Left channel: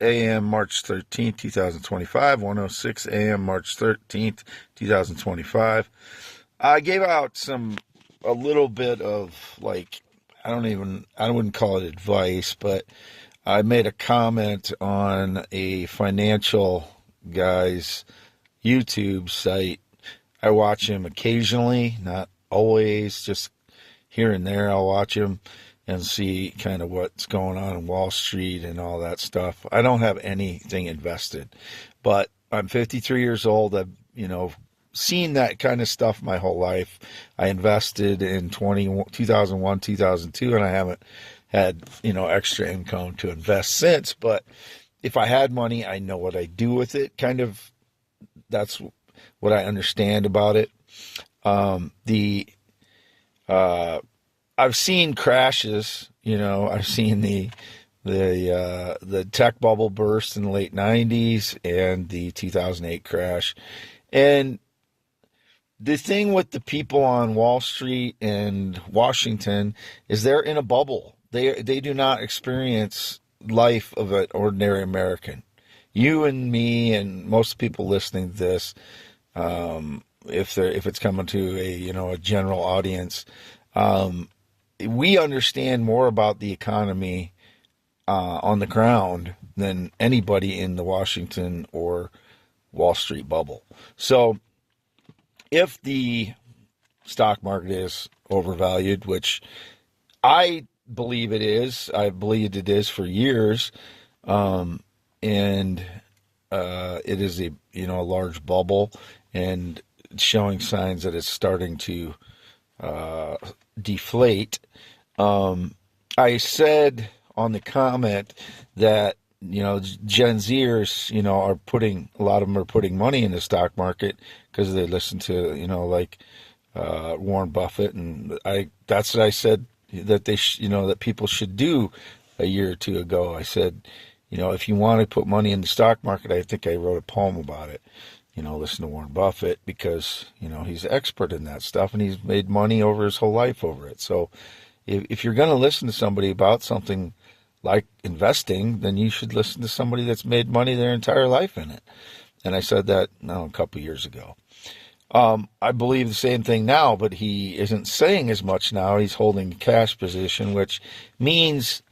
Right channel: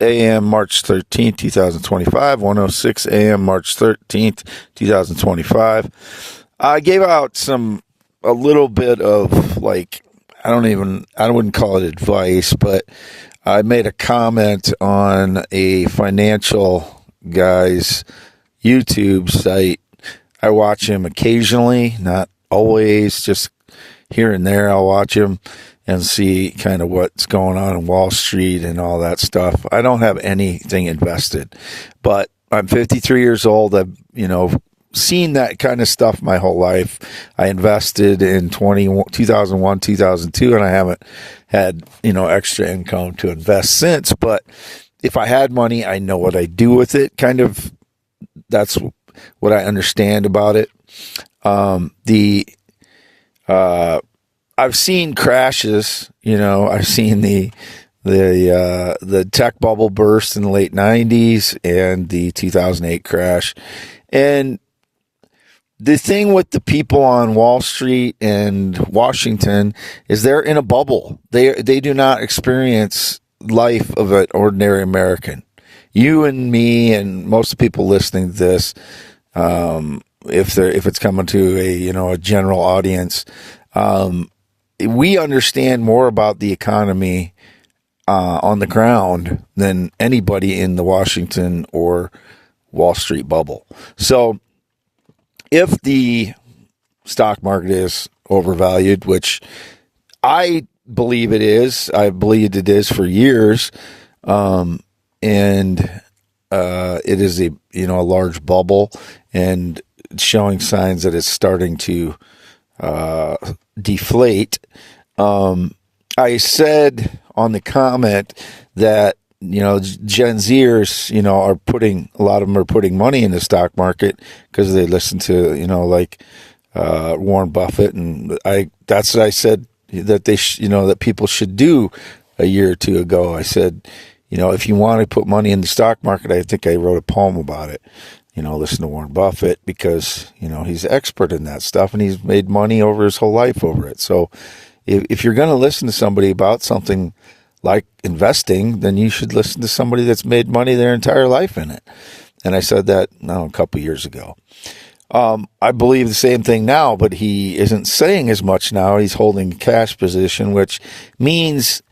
a.m. March 13th, 2025. 1:06 a.m. March 13th, 2025. I gave out a little bit of I wouldn't call it advice, but I made a comment on a financial guy's YouTube site. I watch him occasionally, not always, just here and there. I'll watch him and see kind of what's going on in Wall Street and all that stuff. I don't have anything invested, but I'm 53 years old. I've, seen that kind of stuff my whole life. I invested in 2001, 2002, and I haven't had, extra income to invest since. But if I had money, I know what I do with it. Kind of, that's what I understand about it. I've seen crashes, I've seen the tech bubble burst in the late 90s and the 2008 crash. And the thing with the people on Wall Street and Washington is they're in a bubble. They do not experience life of an ordinary American. You and me and most of the people listening to this, if it's coming to a general audience, we understand more about the economy on the ground than anybody in the Washington or Wall Street bubble. So if the stock market is overvalued, which I believe it is, I believed it is for years, and it is a large bubble and showing signs that it's starting to deflate. I said on the comment that Gen Zers, a lot of them are putting money in the stock market because they listen to, Warren Buffett. And that's what I said that that people should do a year or two ago. I said, if you want to put money in the stock market, I think I wrote a poem about it. Listen to Warren Buffett because, he's an expert in that stuff and he's made money over his whole life over it. So if you're going to listen to somebody about something like investing, then you should listen to somebody that's made money their entire life in it. And I said that a couple years ago. I believe the same thing now, but he isn't saying as much now. He's holding a cash position, which means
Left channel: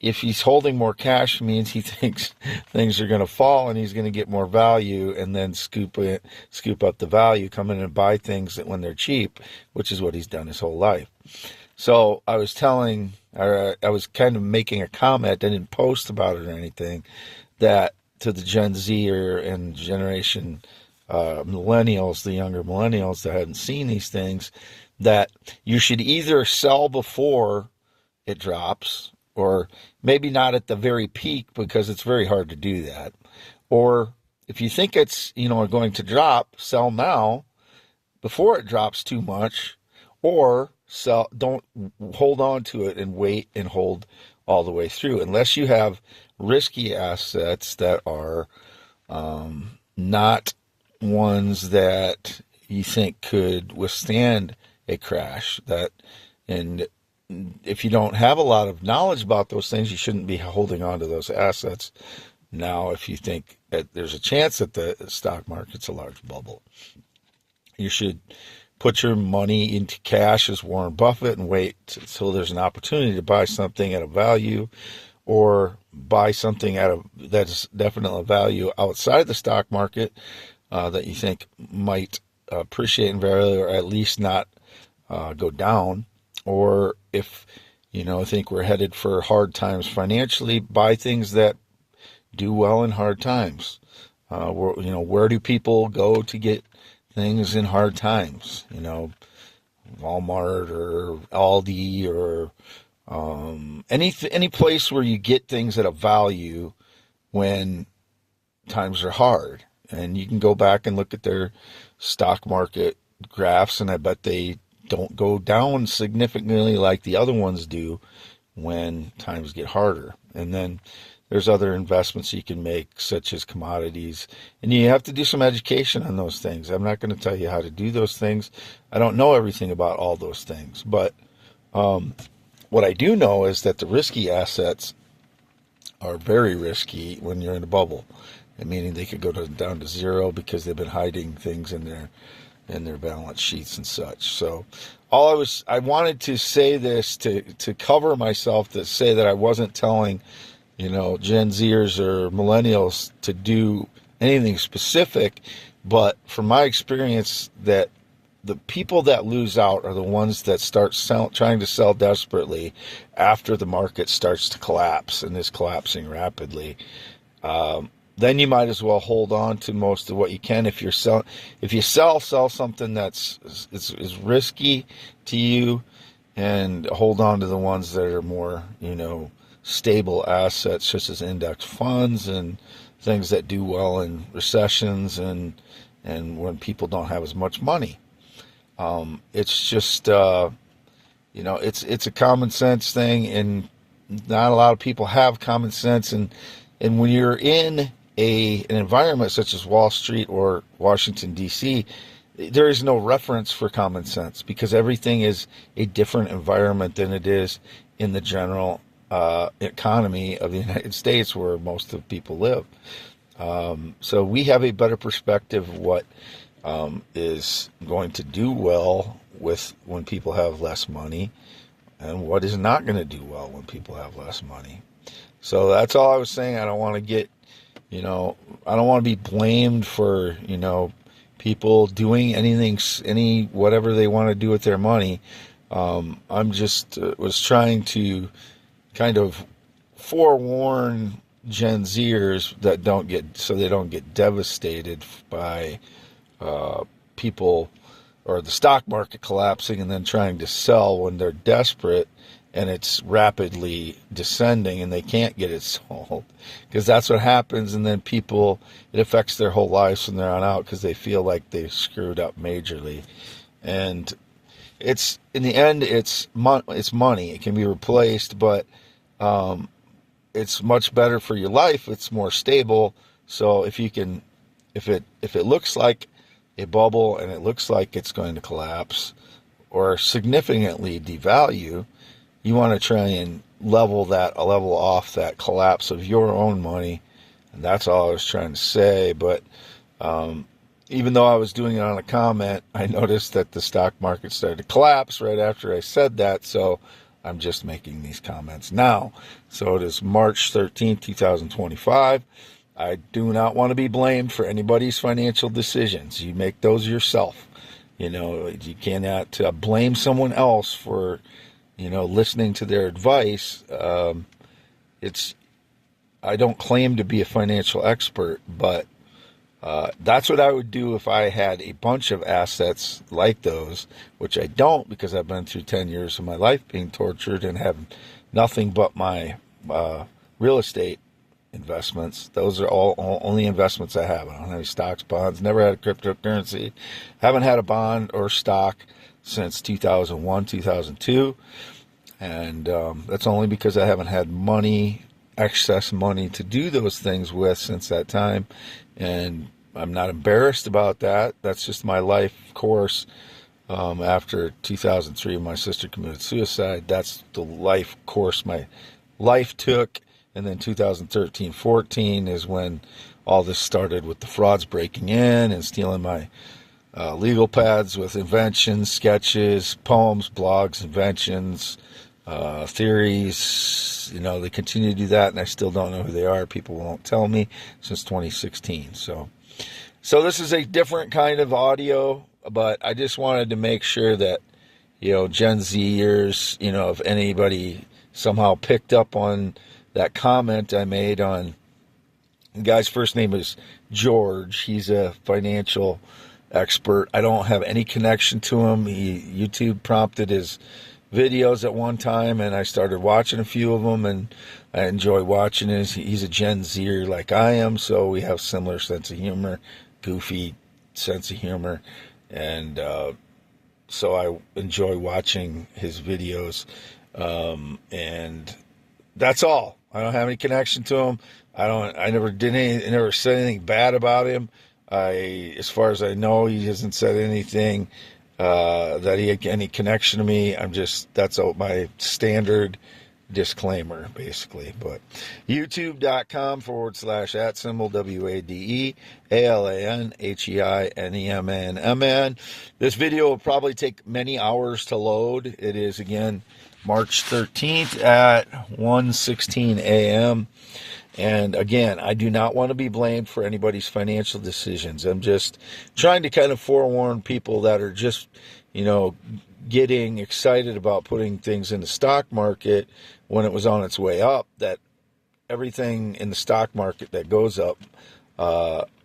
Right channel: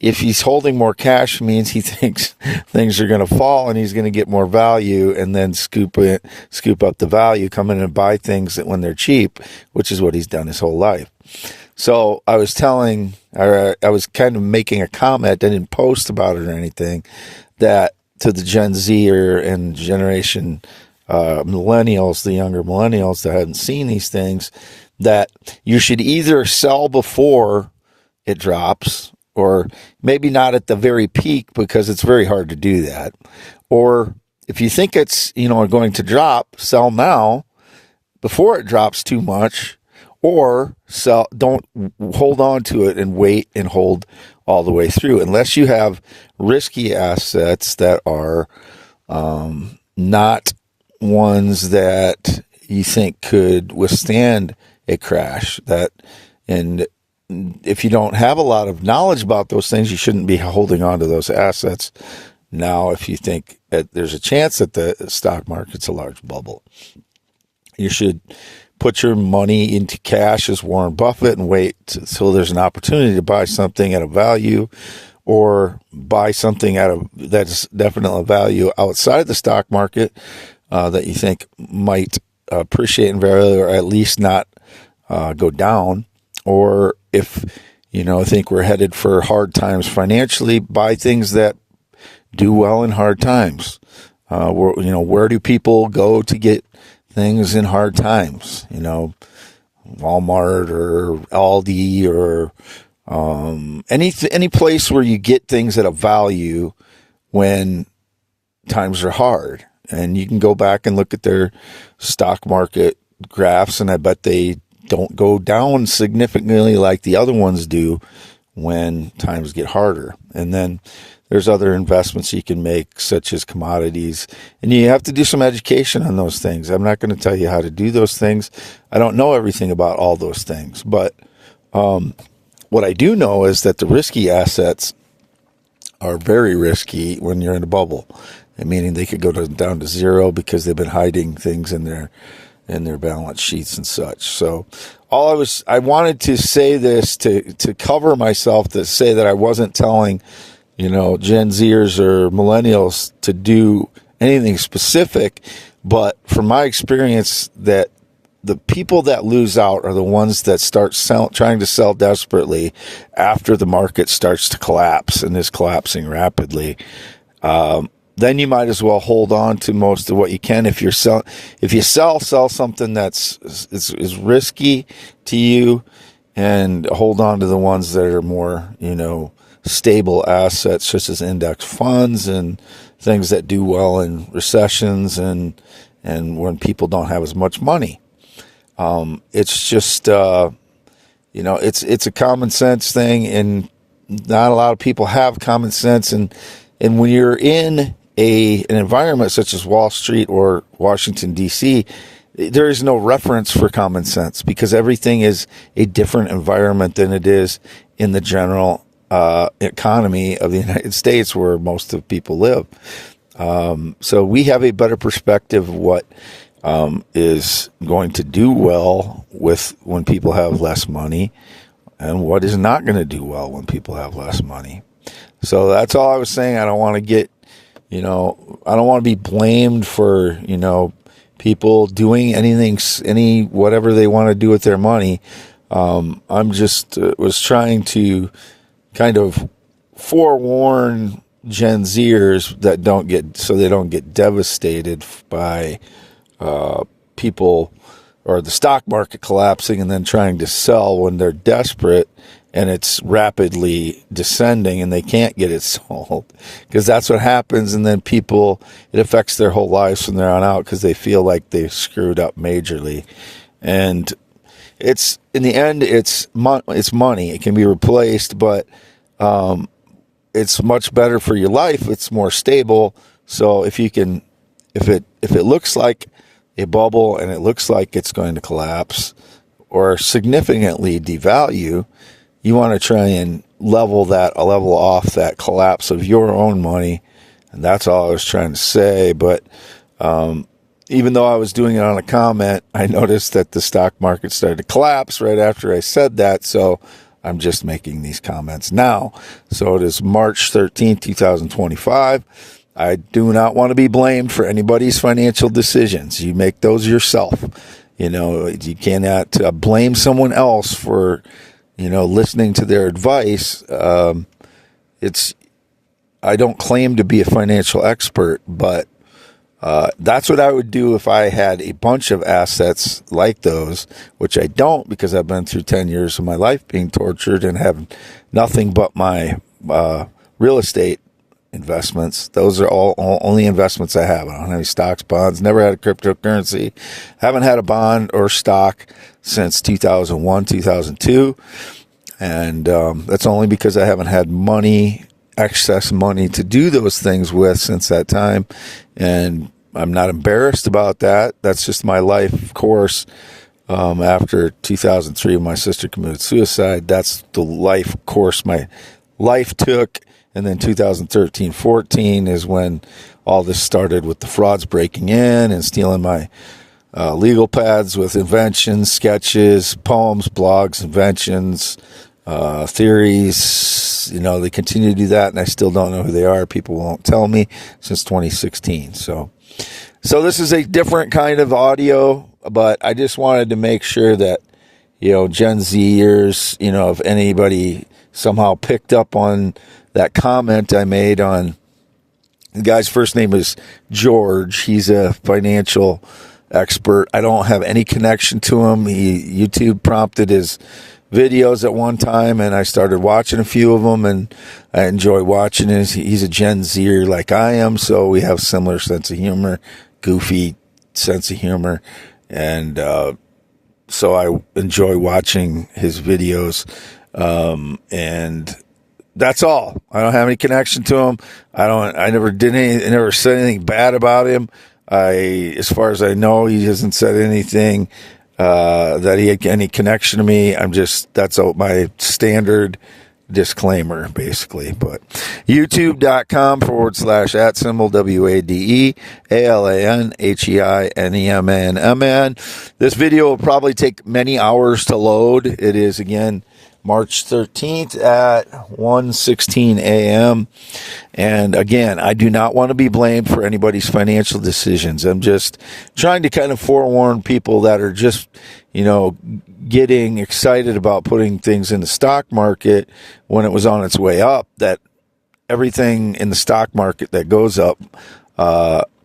if he's holding more cash, means he thinks things are going to fall and he's going to get more value and then scoop up the value, come in and buy things that when they're cheap, which is what he's done his whole life. So I was kind of making a comment. I didn't post about it or anything, that to the Gen Z and generation millennials, the younger millennials that haven't seen these things, that you should either sell before it drops, or maybe not at the very peak because it's very hard to do that. Or if you think it's, going to drop, sell now before it drops too much, or don't hold on to it and wait and hold all the way through, unless you have risky assets that are not ones that you think could withstand a crash. And if you don't have a lot of knowledge about those things, you shouldn't be holding on to those assets. Now, if you think that there's a chance that the stock market's a large bubble, you should put your money into cash as Warren Buffett and wait till there's an opportunity to buy something at a value, or buy something that's definitely a value outside of the stock market that you think might appreciate in value, or at least not go down. Or if think we're headed for hard times financially, buy things that do well in hard times. Where do people go to get things in hard times? Walmart or Aldi or any place where you get things at a value when times are hard. And you can go back and look at their stock market graphs, and I bet they don't go down significantly like the other ones do when times get harder. And then there's other investments you can make, such as commodities, and you have to do some education on those things. I'm not going to tell you how to do those things. I don't know everything about all those things, but what I do know is that the risky assets are very risky when you're in a bubble, meaning they could go down to zero because they've been hiding things in their balance sheets and such. So I wanted to say this to cover myself, to say that I wasn't telling, Gen Zers or millennials to do anything specific, but from my experience, that the people that lose out are the ones that start trying to sell desperately after the market starts to collapse and is collapsing rapidly. Then you might as well hold on to most of what you can. If you sell something that's is risky to you, and hold on to the ones that are more, stable assets, such as index funds and things that do well in recessions and when people don't have as much money. It's just, it's a common sense thing, and not a lot of people have common sense. And when you're in an environment such as Wall Street or Washington, D.C., there is no reference for common sense, because everything is a different environment than it is in the general economy of the United States, where most of people live. So we have a better perspective of what is going to do well when people have less money, and what is not going to do well when people have less money. So that's all I was saying. I don't want to get, I don't want to be blamed for, people doing whatever they want to do with their money. I'm just was trying to kind of forewarn Gen Zers that they don't get devastated by people or the stock market collapsing and then trying to sell when they're desperate and it's rapidly descending and they can't get it sold, because that's what happens. And then it affects their whole lives from there on out, because they feel like they've screwed up majorly. And it's, in the end, it's money. It can be replaced, but it's much better for your life. It's more stable. So if it looks like a bubble and it looks like it's going to collapse or significantly devalue, you want to try and level off that collapse of your own money. And that's all I was trying to say. But even though I was doing it on a comment, I noticed that the stock market started to collapse right after I said that. So I'm just making these comments now. So it is March 13th, 2025. I do not want to be blamed for anybody's financial decisions. You make those yourself. You cannot blame someone else for, listening to their advice. I don't claim to be a financial expert, but that's what I would do if I had a bunch of assets like those, which I don't, because I've been through 10 years of my life being tortured and have nothing but my real estate investments. Those are all only investments I have. I don't have any stocks, bonds, never had a cryptocurrency, haven't had a bond or stock since 2001, 2002. And that's only because I haven't had excess money to do those things with since that time. And I'm not embarrassed about that. That's just my life course. After 2003, when my sister committed suicide, that's the life course my life took. And then 2013-14 is when all this started, with the frauds breaking in and stealing my legal pads with inventions, sketches, poems, blogs, inventions, theories. They continue to do that, and I still don't know who they are. People won't tell me, since 2016. So this is a different kind of audio, but I just wanted to make sure that, Gen Zers, if anybody somehow picked up on that comment I made on, the guy's first name is George. He's a financial expert. I don't have any connection to him. YouTube prompted his videos at one time, and I started watching a few of them, and I enjoy watching it. He's a Gen Zer like I am, so we have similar sense of humor, goofy sense of humor, and so I enjoy watching his videos, and that's all. I don't have any connection to him. I never said anything bad about him. As far as I know, he hasn't said anything that he had any connection to me. That's my standard disclaimer, basically. But youtube.com/@WADEALANHEINEMAN. This video will probably take many hours to load. It is, again, March 13th at 1:16 a.m. And again, I do not want to be blamed for anybody's financial decisions. I'm just trying to kind of forewarn people that are just, getting excited about putting things in the stock market when it was on its way up, that everything in the stock market that goes up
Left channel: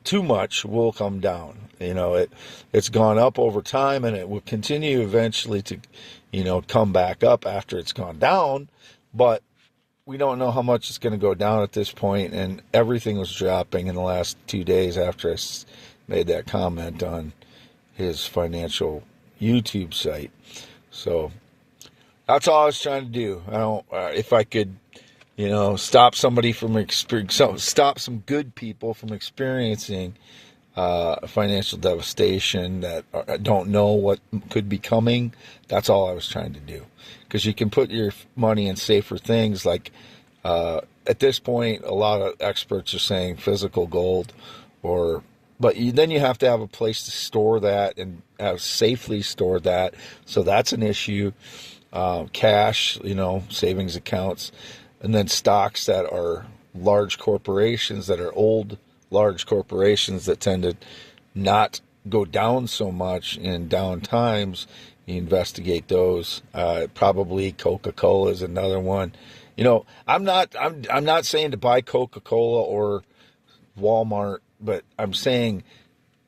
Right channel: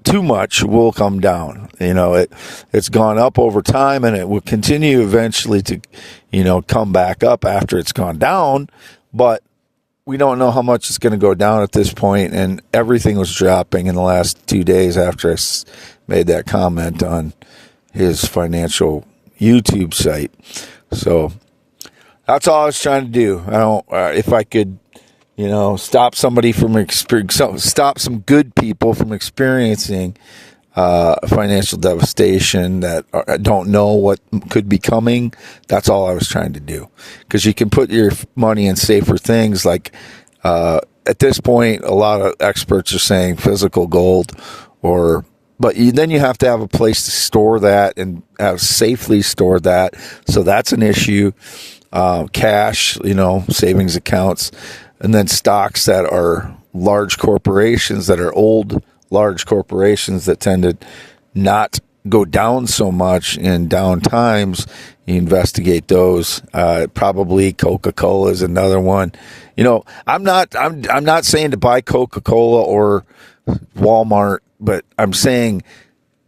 too much will come down. It's gone up over time, and it will continue eventually to, come back up after it's gone down. But we don't know how much it's going to go down at this point, and everything was dropping in the last 2 days after I made that comment on his financial YouTube site. So that's all I was trying to do. I don't, if I could, stop somebody from stop some good people from experiencing financial devastation that don't know what could be coming. That's all I was trying to do, because you can put your money in safer things. Like at this point, a lot of experts are saying physical gold, but then you have to have a place to store that and have safely stored that. So that's an issue. Cash, savings accounts, and then stocks that are large corporations, that are old, large corporations that tend to not go down so much in down times. You investigate those. Probably Coca-Cola is another one. I'm not saying to buy Coca-Cola or Walmart, but I'm saying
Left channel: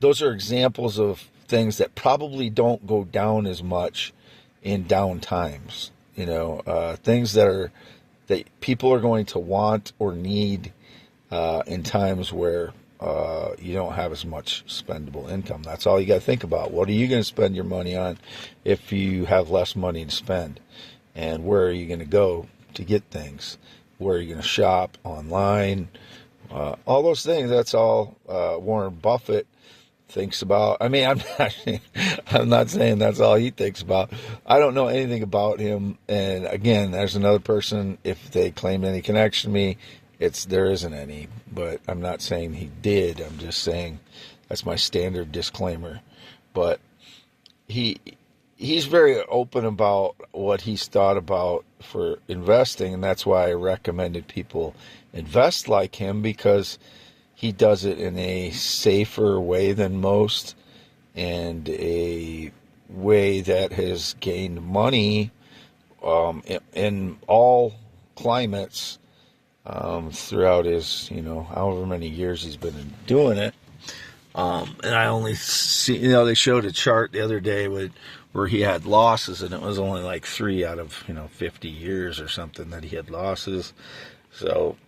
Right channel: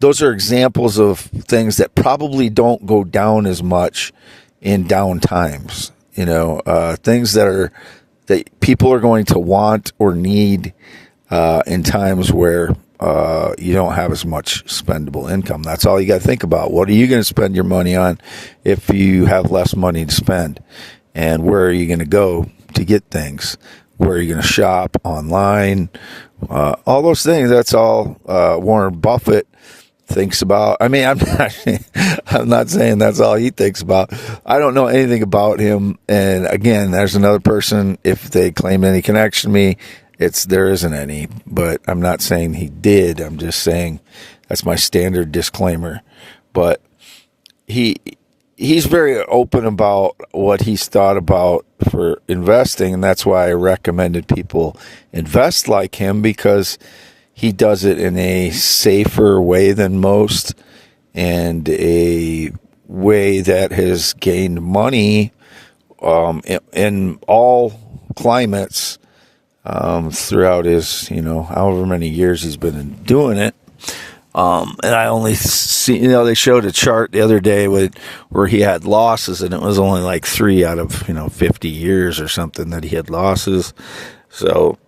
those are examples of things that probably don't go down as much in down times. Things that people are going to want or need in times where you don't have as much spendable income. That's all you got to think about. What are you going to spend your money on if you have less money to spend? And where are you going to go to get things? Where are you going to shop online? All those things. That's all Warren Buffett thinks about. I mean, I'm not saying that's all he thinks about. I don't know anything about him. And again, there's another person. If they claim any connection to me, there isn't any. But I'm not saying he did. I'm just saying that's my standard disclaimer. But he's very open about what he's thought about for investing, and that's why I recommended people invest like him, because he does it in a safer way than most, and a way that has gained money in all climates throughout his, however many years he's been doing it. And I only see, they showed a chart the other day where he had losses, and it was only like 3 out of, 50 years or something that he had losses. So,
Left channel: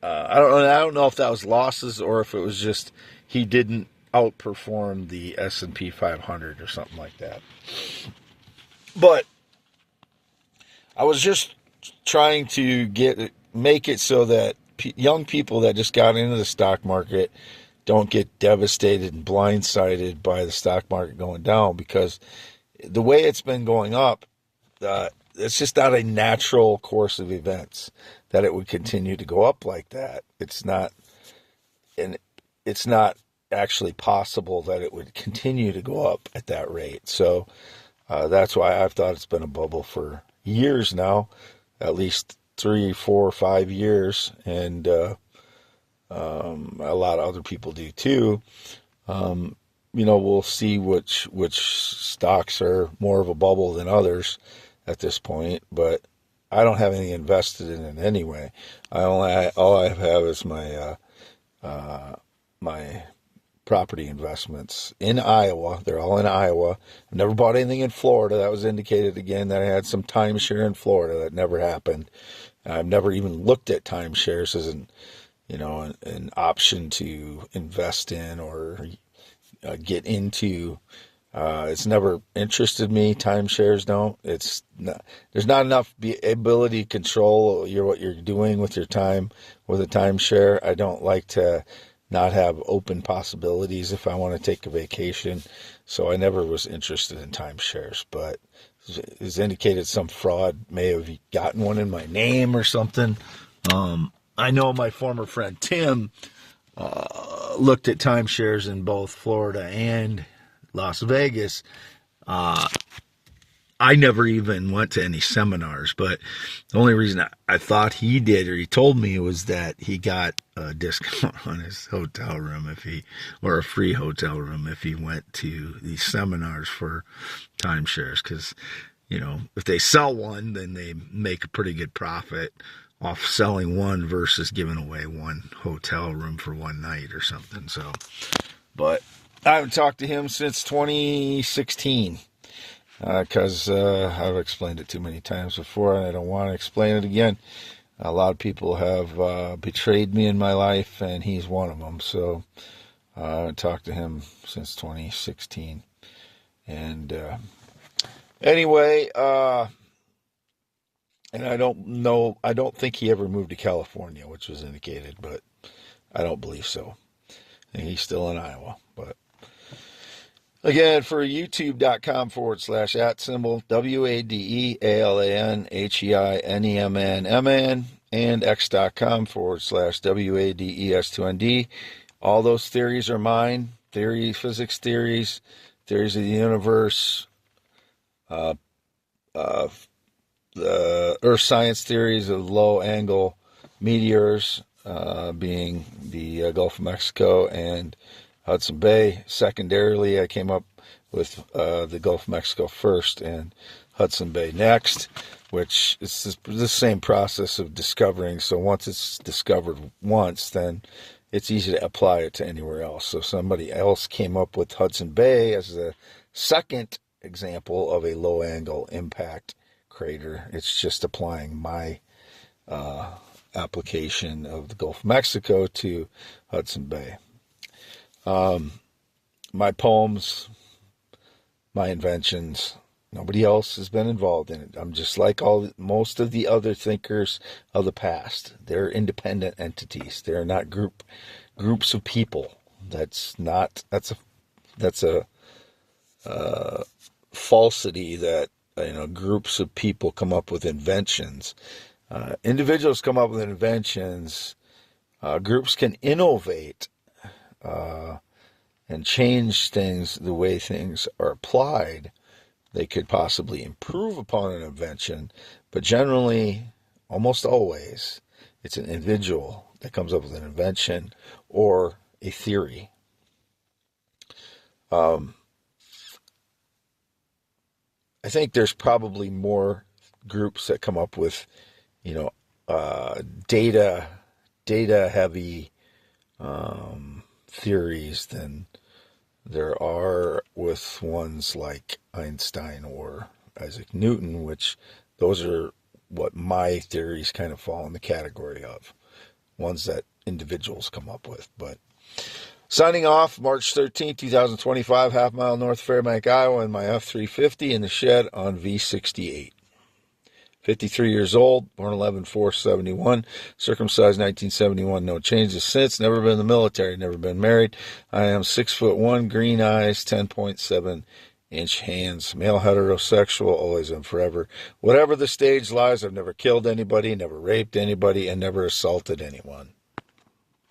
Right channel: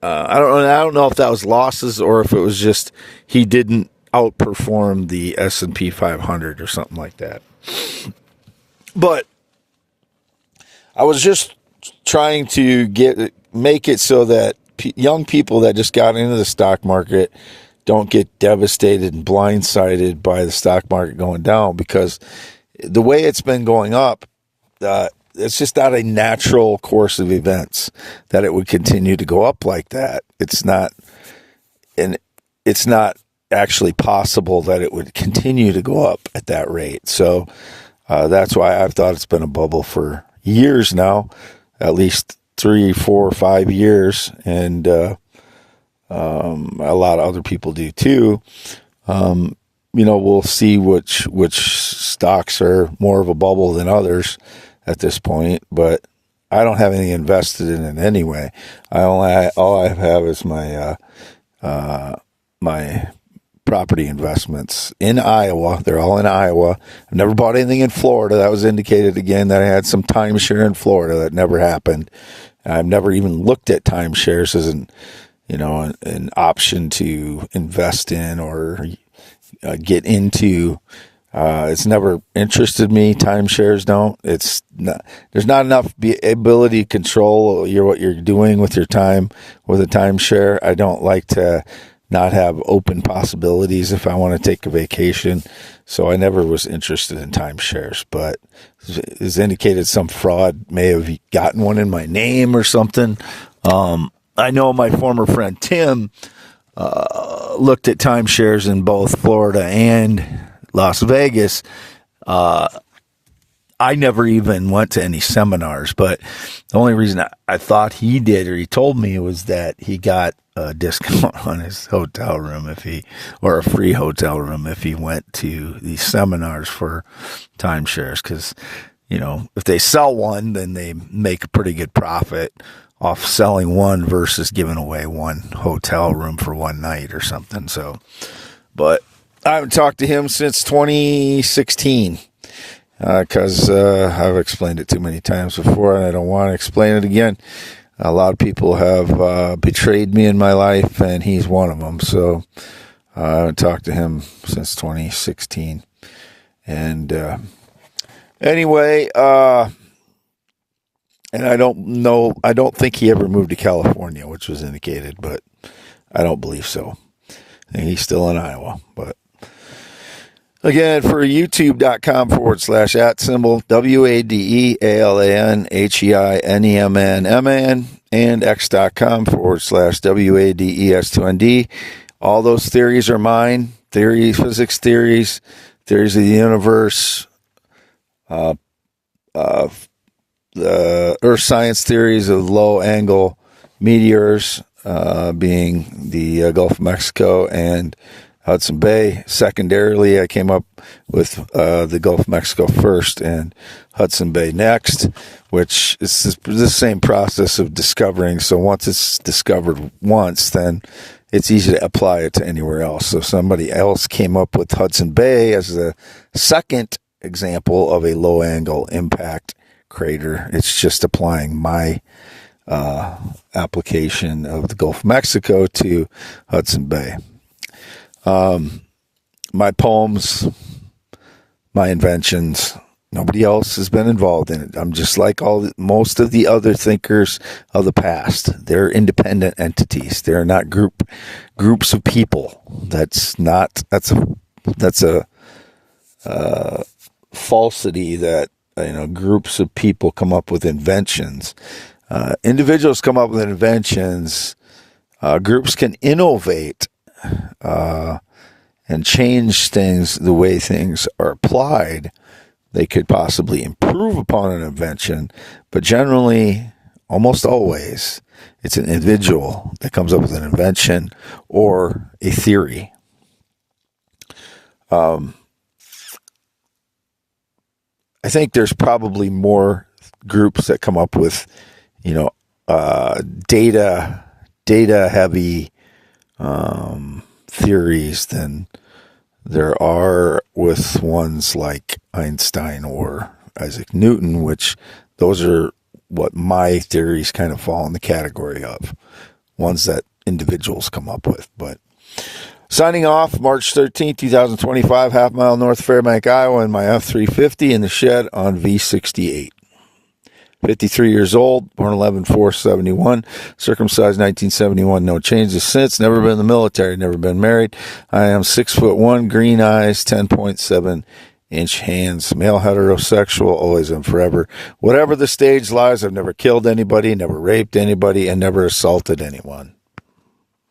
I don't know if that was losses or if it was just he didn't outperform the S&P 500 or something like that. But I was just trying to make it so that young people that just got into the stock market don't get devastated and blindsided by the stock market going down, because the way it's been going up, it's just not a natural course of events that it would continue to go up like that. It's not actually possible that it would continue to go up at that rate. So that's why I've thought it's been a bubble for years now, at least 3, 4, 5 years, and a lot of other people do too. We'll see which stocks are more of a bubble than others at this point, but I don't have anything invested in it anyway. All I have is my my property investments in Iowa. They're all in Iowa. I've never bought anything in Florida. That was indicated again that I had some timeshare in Florida. That never happened. I've never even looked at timeshares as an option to invest in or get into. It's never interested me. Timeshares don't. There's not enough ability to control what you're doing with your time with a timeshare. I don't like to not have open possibilities if I want to take a vacation. So I never was interested in timeshares, but it's indicated some fraud may have gotten one in my name or something. I know my former friend Tim looked at timeshares in both Florida and Las Vegas. I never even went to any seminars, but the only reason I thought he did, or he told me, was that he got a discount on his hotel room or a free hotel room if he went to these seminars for timeshares. Because, if they sell one, then they make a pretty good profit off selling one versus giving away one hotel room for one night or something. So, but I haven't talked to him since 2016. Because I've explained it too many times before, and I don't want to explain it again. A lot of people have betrayed me in my life, and he's one of them. So I haven't talked to him since 2016. And anyway, and I don't think he ever moved to California, which was indicated, but I don't believe so. I think he's still in Iowa, but. Again, for youtube.com /@ WADEALANHEINEMNMN and x.com /WADES2ND. All those theories are mine. Physics theories of the universe, the earth science theories of low angle meteors, being the Gulf of Mexico and Hudson Bay. Secondarily, I came up with the Gulf of Mexico first and Hudson Bay next, which is the same process of discovering. So once it's discovered once, then it's easy to apply it to anywhere else. So somebody else came up with Hudson Bay as a second example of a low-angle impact crater. It's just applying my application of the Gulf of Mexico to Hudson Bay. My poems, my inventions, nobody else has been involved in it. I'm just like most of the other thinkers of the past. They're independent entities. They're not groups of people. That's a falsity that, groups of people come up with inventions. Individuals come up with inventions. Groups can innovate and change things the way things are applied. They could possibly improve upon an invention, but generally, almost always, it's an individual that comes up with an invention or a theory. I think there's probably more groups that come up with, data heavy theories than there are with ones like Einstein or Isaac Newton, which those are what my theories kind of fall in the category of, ones that individuals come up with. But signing off, March 13th, 2025, half mile north of Fairbank, Iowa, in my F350 in the shed on V68. 53 years old, born 11/4/71, circumcised 1971, no changes since, never been in the military, never been married. I am 6'1", green eyes, 10.7-inch hands, male heterosexual, always and forever. Whatever the stage lies, I've never killed anybody, never raped anybody, and never assaulted anyone.